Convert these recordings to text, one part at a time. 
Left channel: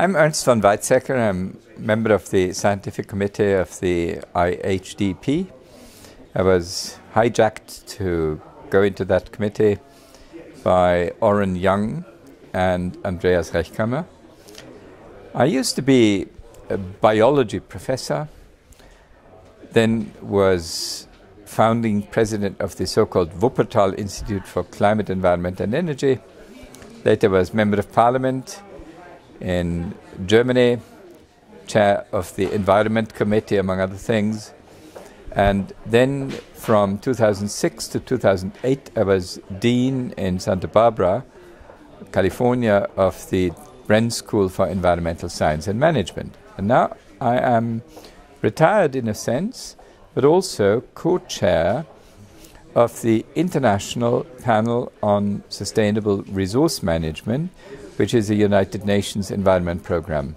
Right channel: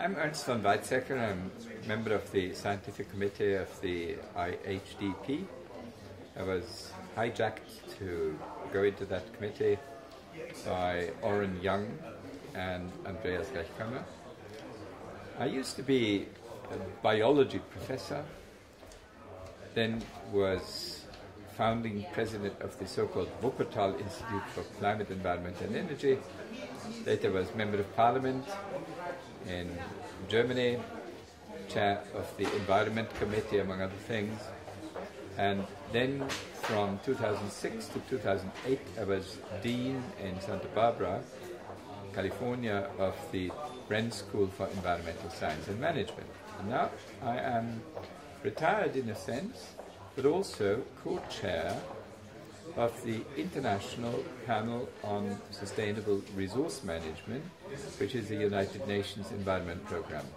I'm Ernst von Weizsaecker. I'm member of the scientific committee of the IHDP. I was hijacked to go into that committee by Oren Young and Andreas Rechkammer. I used to be a biology professor, then was founding president of the so-called Wuppertal Institute for Climate, Environment and Energy. Later was member of parliament in Germany, chair of the Environment Committee, among other things. And then from 2006 to 2008, I was dean in Santa Barbara, California, of the Bren School for Environmental Science and Management. And now I am retired in a sense, but also co-chair of the International Panel on Sustainable Resource Management, which is a United Nations Environment Program.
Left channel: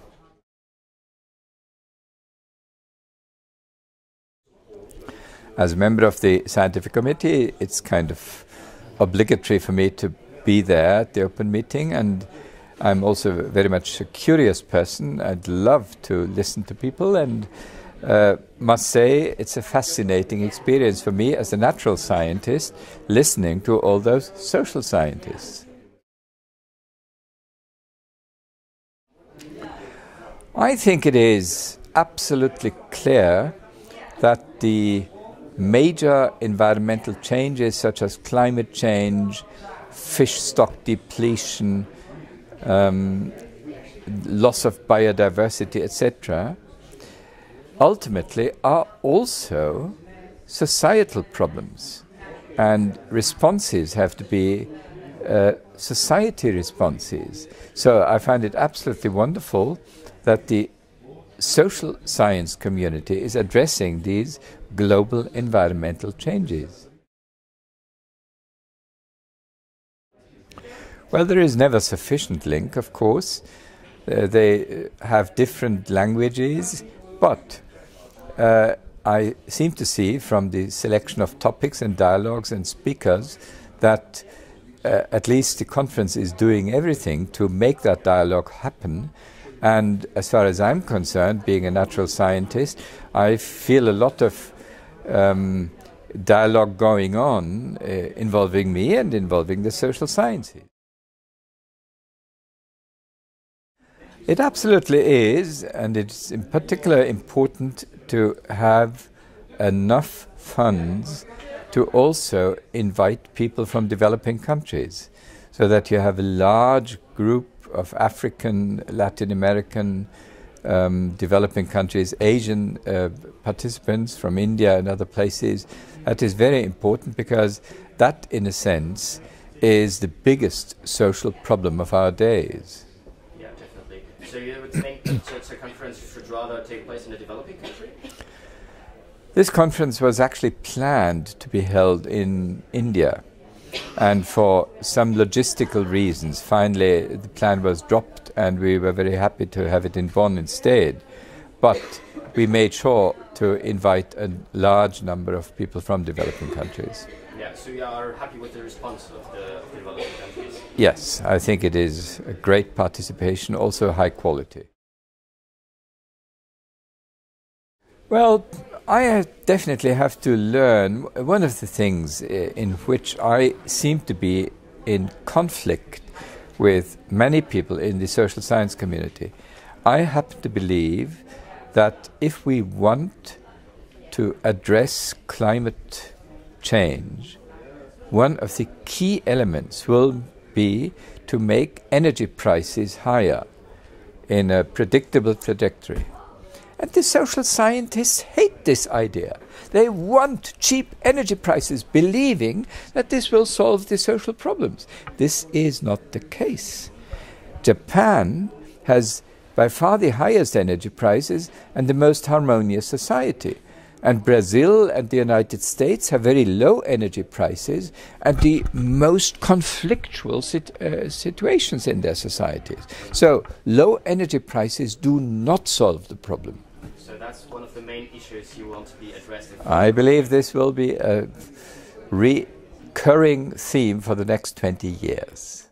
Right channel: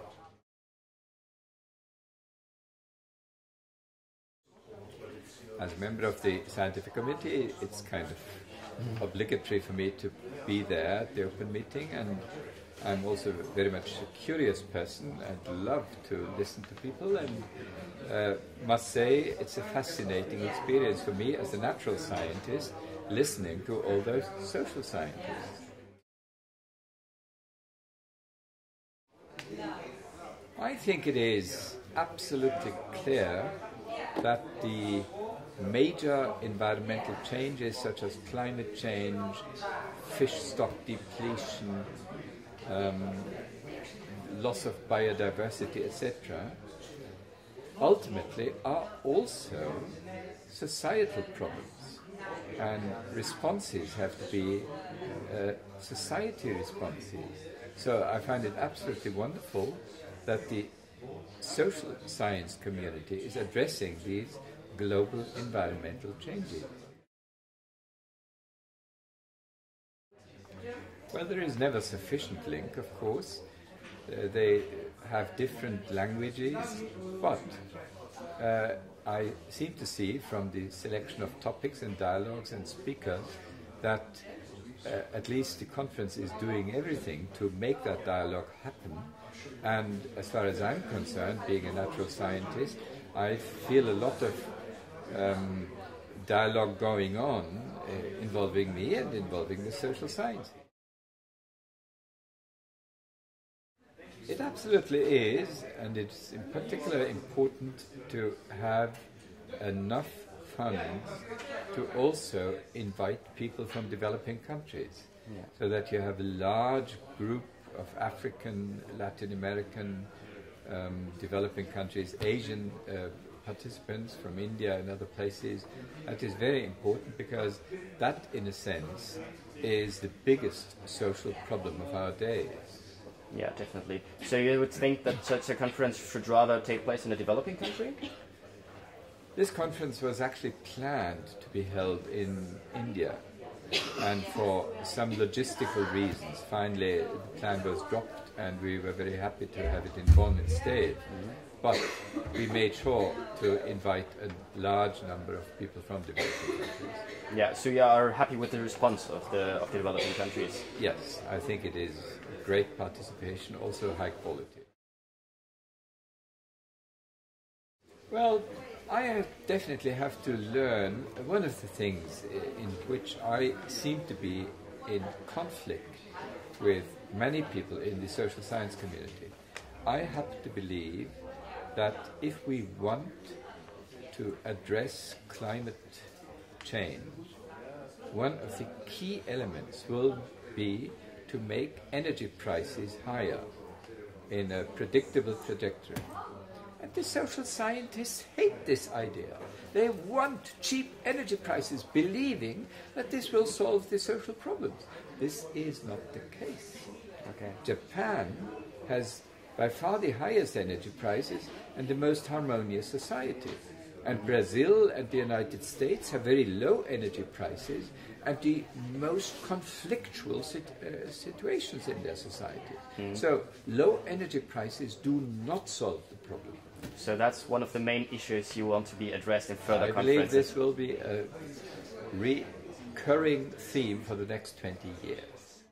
As a member of the scientific committee, it's kind of obligatory for me to be there at the open meeting, and I'm also very much a curious person. I'd love to listen to people, and must say it's a fascinating experience for me as a natural scientist, listening to all those social scientists. I think it is absolutely clear that the major environmental changes such as climate change, fish stock depletion, loss of biodiversity, etc., ultimately are also societal problems, and responses have to be society responses. So I find it absolutely wonderful that the social science community is addressing these global environmental changes. Well, there is never sufficient link, of course. They have different languages, but I seem to see from the selection of topics and dialogues and speakers that at least the conference is doing everything to make that dialogue happen. And as far as I'm concerned, being a natural scientist, I feel a lot of dialogue going on involving me and involving the social sciences. It absolutely is, and it's in particular important to have enough funds to also invite people from developing countries, so that you have a large group of African, Latin American, developing countries, Asian participants from India and other places. That is very important, because that, in a sense, is the biggest social problem of our days. Yeah, definitely. So you would think that such a conference should rather take place in a developing country? This conference was actually planned to be held in India. And for some logistical reasons, finally the plan was dropped, and we were very happy to have it in Bonn instead. But we made sure to invite a large number of people from developing countries. Yeah, so you are happy with the response of the developing countries? Yes, I think it is a great participation, also high quality. Well, I definitely have to learn. One of the things in which I seem to be in conflict with many people in the social science community, I happen to believe that if we want to address climate change, one of the key elements will be to make energy prices higher in a predictable trajectory. And the social scientists hate this idea. They want cheap energy prices, believing that this will solve the social problems. This is not the case. Japan has by far the highest energy prices and the most harmonious society. And Brazil and the United States have very low energy prices and the most conflictual situations in their societies. So low energy prices do not solve the problem. So that's one of the main issues you want to be addressed in. I believe this will be a recurring theme for the next 20 years.